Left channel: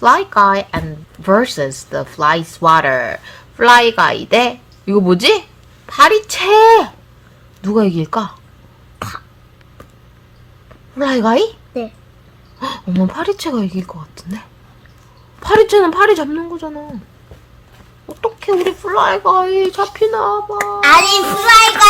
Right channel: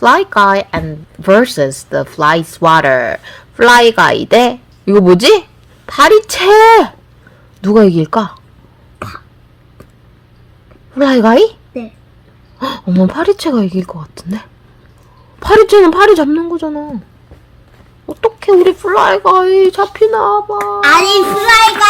Fly Guy and versus the Fly Swatter. Fly Guy 대 이거 뭐지? 파리채. 누가 이길까? Fly Guy? 네. 헉, 어머 파리채가 이길 것 같은데? 파리채는 파리 잡는 거잖아. 어떻게 우리 Fly Guy 잡히나 봐. 아니 플라이가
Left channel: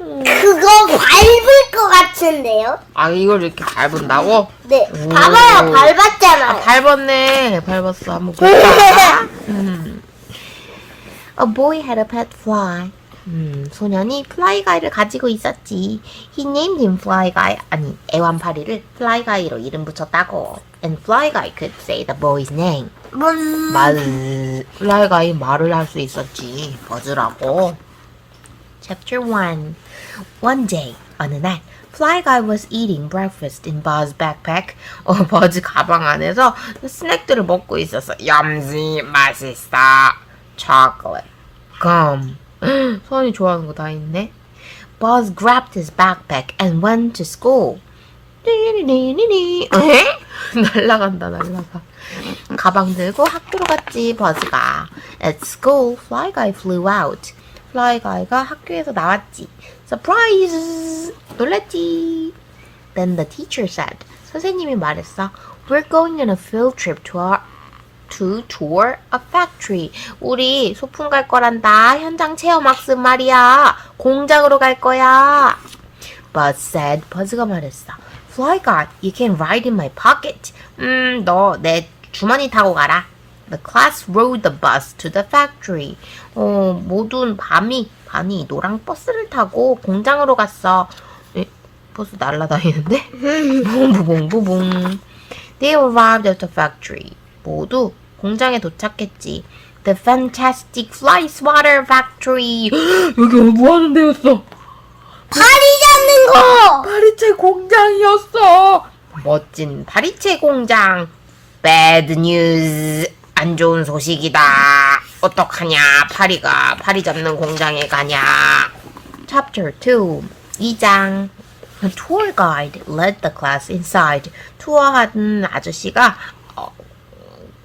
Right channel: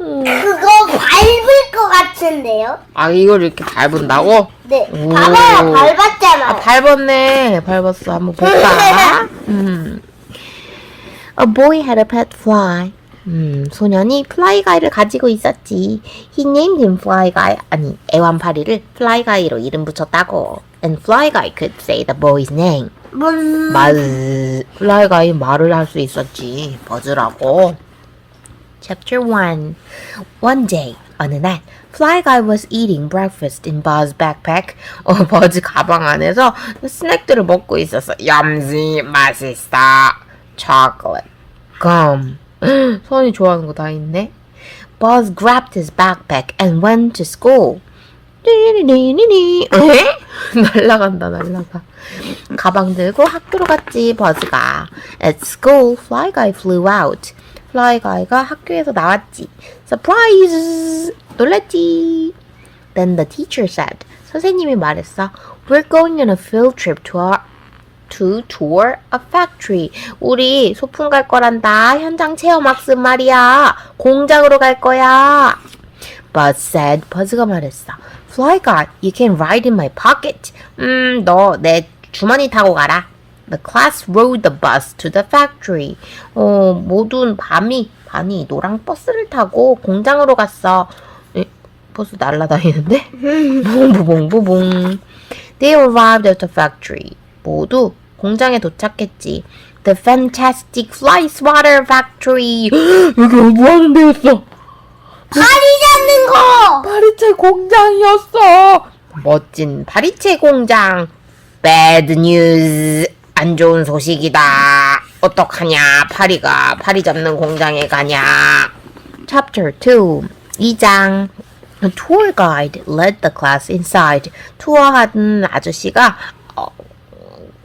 음. 그거 밟을 것 같은데요? 아 이걸 이렇게 밟은다고? 네. 오. 봐봐요 밟았잖아요. 아 밟았네 밟았어 한번 볼까 음. A boy had a pet fly 음, 소년이 플라이 가이를 가지고 있었지 He named him fly guy 아니 애완파리를 플라이 가이로 이름 붙였다고 And fly guy could say the boy's name 문. 말 플라이 가이 말을 할 수 있었지 버즈라고 Chapter 1 One day, 어느 날, Fly Guy was eating breakfast in Buzz backpack. 어, 버즈 가방 안에서 스낵들을 먹고 있었어. 얌지, 맛있어. chocolate, gum. 손이 좋아하는 거 다 있네. Buzz grabbed his backpack and went to school. 띠리리리리. 에? 날라간다, 날라가. 가방 들고 학교로 갔지, 버즈가. At school, Fly Guy flew out. Fly Guy가 학교에서 나왔지. Surprise! 놀랐지. Then the teacher said. 선생님이 말했어. We're going on a field trip to our to tour a factory. 우리 소풍 갈 거란다. 현장 체험 학습 말이야. 공장으로 갈 거야. Buzz said. 버즈가 말했어. Fly guy, you can ride in my pocket. 음, 너 내 주머니 타고 가라. The class rode the bus to the factory. 어, 모든 밤이 반이 노랑 버스를 타고 공장으로 갔어. 에, 버스 날라다니는데? 부봉부봉. They arrived at the factory. 모두 공장에 도착했지. The fantastic fly swatter factory. 여기 뭐 하는 데였어? 파리 잡는 거. 파리채 공장이었어. 멋진 파리채 공장. Bad news. 안 좋은 소식이다. 어떡하냐. 파리가 파리 잡는 공장에 가냐. Chapter 2. 2장. A tour guide led the class inside. 투어하던 아저씨가 어,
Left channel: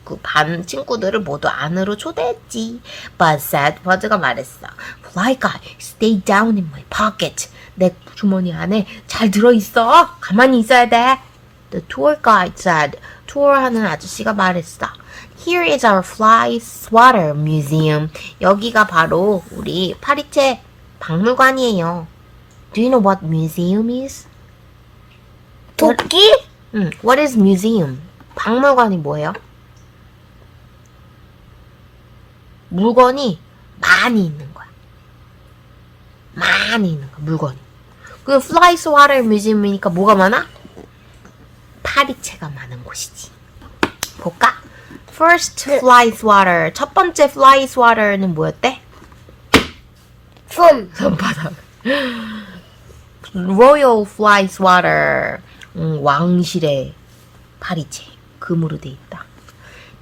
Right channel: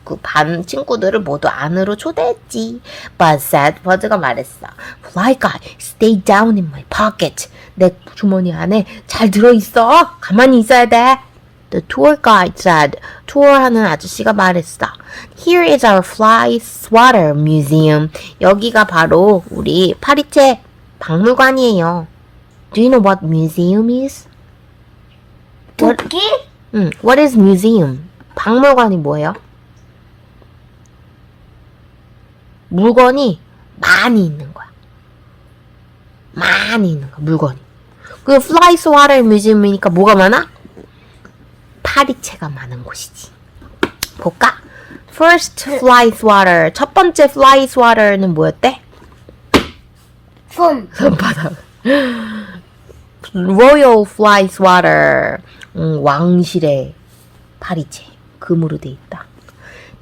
그반 친구들을 모두 안으로 초대했지. Buzz said, 버즈가 말했어. Fly guy, stay down in my pocket. 내 주머니 안에 잘 들어있어. 가만히 있어야 돼. The tour guide said, 투어하는 아저씨가 말했어. Here is our fly swatter museum. 여기가 바로 우리 파리채 박물관이에요. Do you know what museum is? 도끼? 응, what is museum? 박물관이 뭐예요? 물건이 많이 있는 거야. 많이 있는 거, 물건이. 그 fly swatter museum이니까 뭐가 많아? 파리채가 많은 곳이지. 볼까? First fly swatter. 첫 번째 fly swatter는 뭐였대? 손. 손바닥. Royal Fly Swatter. 음, 왕실의 파리채. 금으로 돼 있다.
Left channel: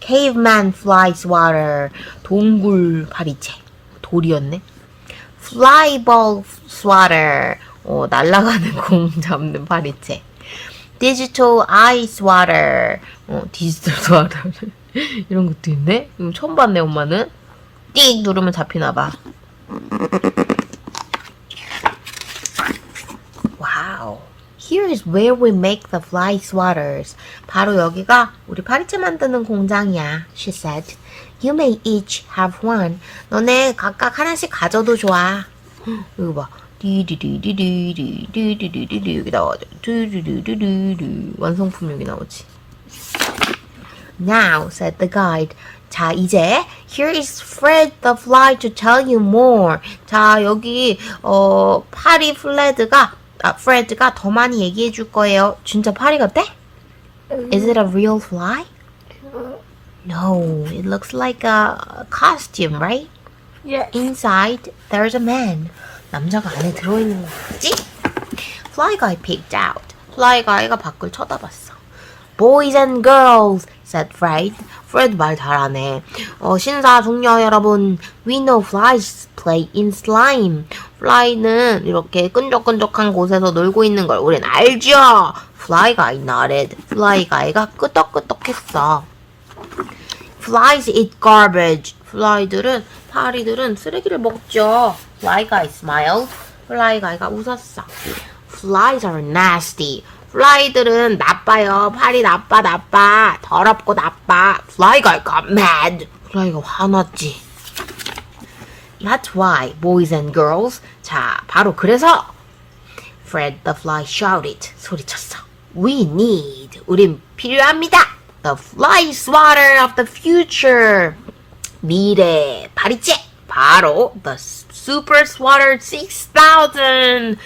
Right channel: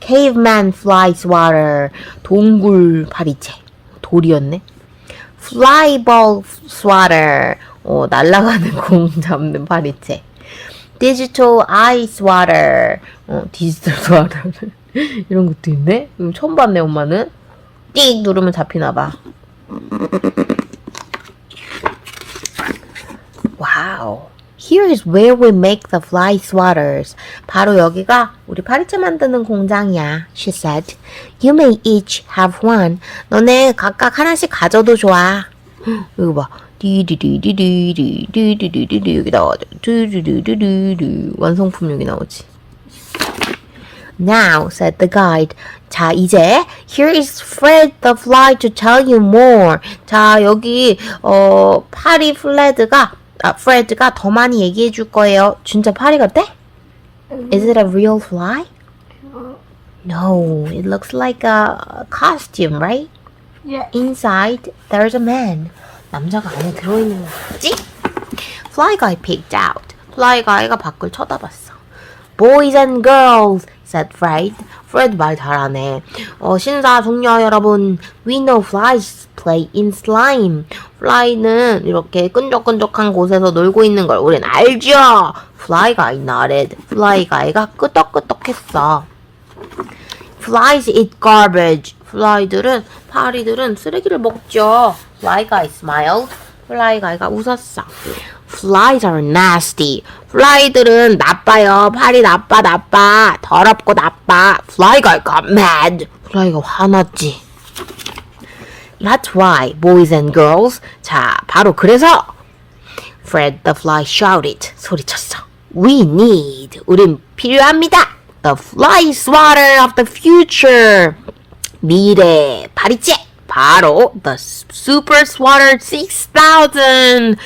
Caveman Fly Swatter. 동굴 파리채. 돌이었네. Flyball Swatter. 어, 날아가는 공 잡는 파리채. Digital Eye Swatter. 어, 디지털 스와터. 이런 것도 있네? 이거 처음 봤네, 엄마는. 띡 누르면 잡히나봐. Wow. Here is where we make the fly swatters. 바로 여기가 우리 파리채 만드는 공장이야. She said. You may each have one. 너네 각각 하나씩 가져도 좋아. 이거 봐. 디디디디디디디디디디디 여기 나오죠. 디디디디디디 완성품 여기 나오지. Now, said the guide. 자, 이제 here is Fred the Fly to tell you more. 자, 여기 어 파리 플레드가 아, 프레드가 더 많이 얘기해 줄 거예요. 진짜 파리 같대? Is it a real fly? No, it looks like a costume, right? 예. Inside, there's a man. 남자가 안에 들어있는 거 같지? Fly guy peeked out. Fly guy가 밖을 쳐다봤어. Boys and girls, said Fred. Fred 말 잘하네. 어, 신사 동료 여러분, we know flies play in slime. Fly는 이렇게 끈적끈적한 곳에서 놀고 있는 걸 우린 알죠. Fly guy nodded. Fly guy가 끄덕끄덕했어. Flies eat garbage. fly들은 파리들은 쓰레기를 먹죠. Fly guy smiled. Fly guy가 웃었어. Flies are nasty. fly들은 나빠요. 파리 나빠 나빠. 더럽고 나빠. Fly guy got mad. fly가 화났지. That's right, boys and girls. 자, 바로 그래서 Fred the fly shouted. 소리쳤어. We need. 우린 필요합니다. The fly swatter of the future. 미래 파리채. 바로 the super swatter 6000.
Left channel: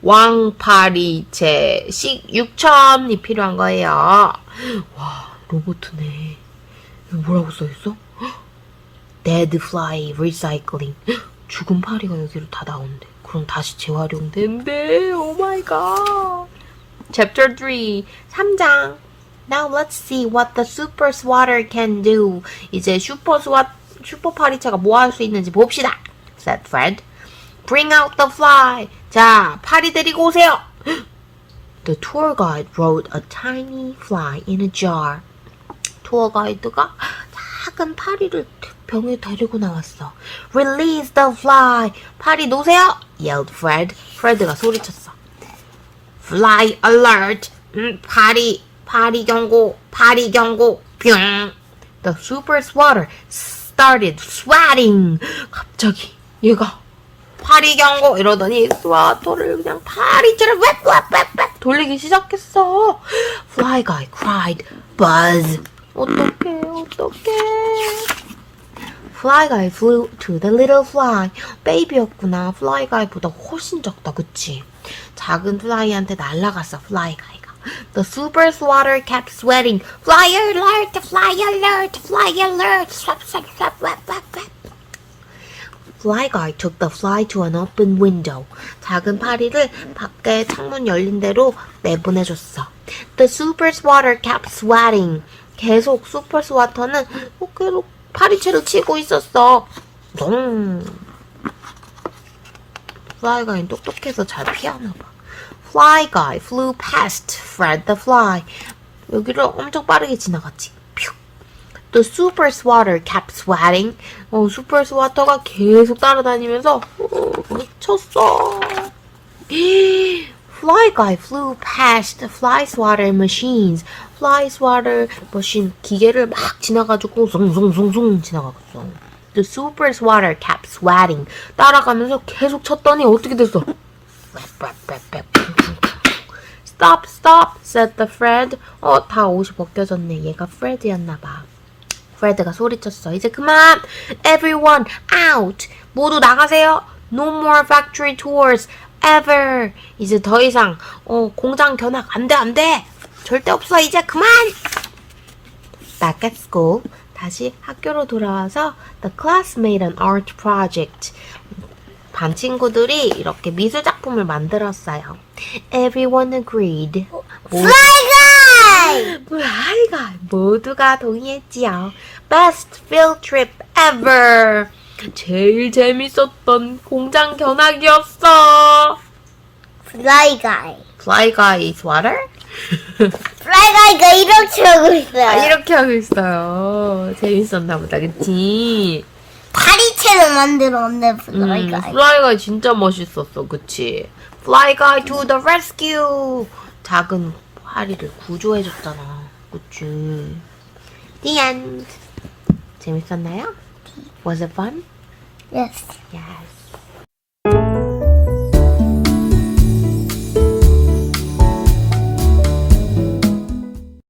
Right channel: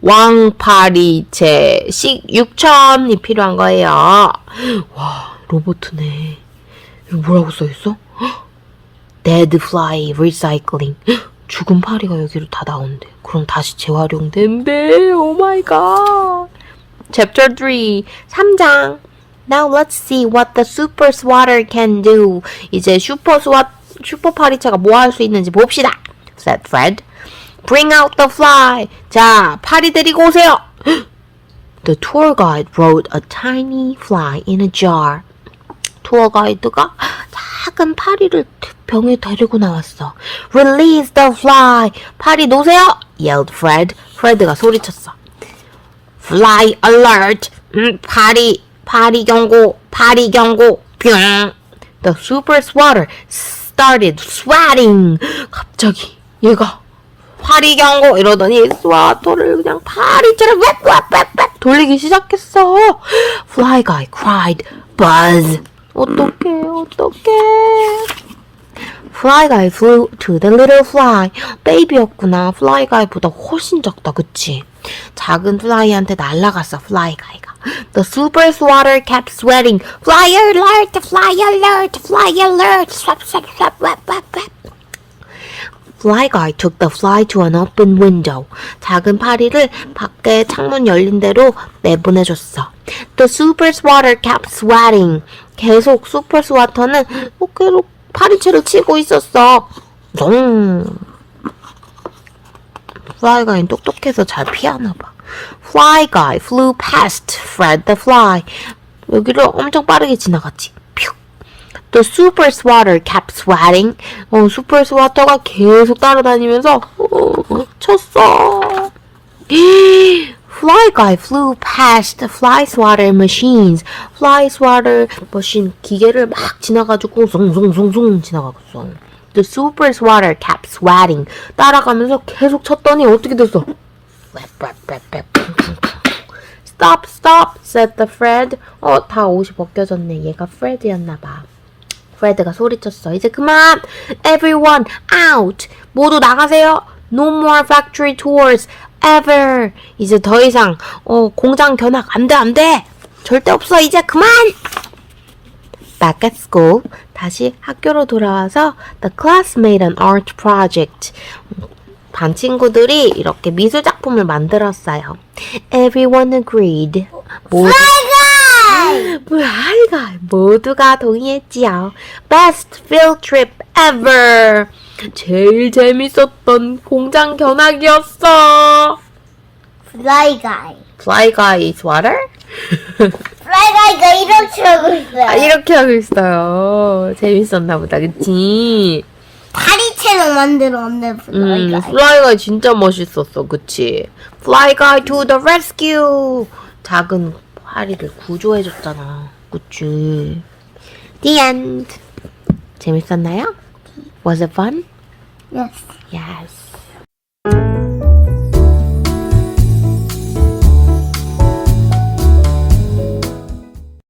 왕파리채 6천이 필요한 거예요. 와, 로보트네. 뭐라고 써있어? Dead fly recycling. 죽은 파리가 여기로 다 나온대. 그럼 다시 재활용된대. 오 마이 갓. Chapter 3. 3장. Now let's see what the super swatter can do. 이제 슈퍼 스와 슈퍼 파리채가 뭐 할 수 있는지 봅시다. said Fred. Bring out the fly. 자, 파리 데리고 오세요. The tour guide wrote a tiny fly in a jar. 투어 가이드가 작은 파리를 병에 데리고 나왔어. Release the fly. 파리 놓으세요. yelled Fred. 프레드가 소리쳤어. Fly alert. 음, 파리, 파리 경고, 파리 경고. 뿅. The super swatter started swatting. 갑자기 얘가 파리 경고 이러더니 스와터를 그냥 파리처럼 왱왱왱 돌리기 시작했어. Fly guy cried. Buzz. 어떡해, 어떡해. Fly guy flew to the little fly. 베이비였구나. Fly guy보다 훨씬 작다, 그치? 작은 플라이한테 날아갔어, Fly guy가. The super swatter kept sweating. Fly alert, fly alert, fly alert. Swap, swap, swap, swap, swap, swap. Fly guy took the fly to an open window. 작은 파리를 밖에 창문 열린 대로 내보내줬어. The super swatter kept swatting. 계속 슈퍼 스와터는 계속 파리채를 치고 있었어. 종. Fly guy는 똑똑해서 잘 피하나 봐. Fly guy flew past Fred the fly. 여기를 엄청 빠르게 지나갔지. 퓨. The super swatter kept swatting. 어, 슈퍼 스와터가 계속 따라다니면서 어, 쳤어. Fly guy flew past fly swatter machines. Fly swatter machine 기계를 막 지나가지고 송송송송 지나갔어. The super swatter kept swatting. 따라가면서 계속 쳤더니 어떻게 됐어? Stop, stop, said the Fred. 어, 다 옷이 벗겨졌네. 얘가 Fred였나 봐. 프레드가 소리쳤어. 이제 그만! Everyone out! 모두 나가세요! No more factory tours! Ever! 이제 더 이상 어, 공장 견학 안 돼, 안 돼! 절대 없어! 이제 그만! Back at school. 다시 학교로 돌아와서 The class made an art project. 반 친구들이 이렇게 미술 작품을 만들었어요. Everyone agreed. 모두 아이가 모두가 동의했지요. Best field trip ever. 제일 재밌었던 공장 견학이었어. Fly guy. Fly guy swatter? Fly guy가 이렇게 하고 아, 있어요. 이렇게 하고 있어요. 재밌었나 보다, 그치? 파리채를 만들었네, Fly 음, 진짜 멋있었어, 그치? Fly guy to the rescue. 작은 파리를 구조해줬잖아, 그치? The end. 재밌었나요? Was it fun? Yes. Yes.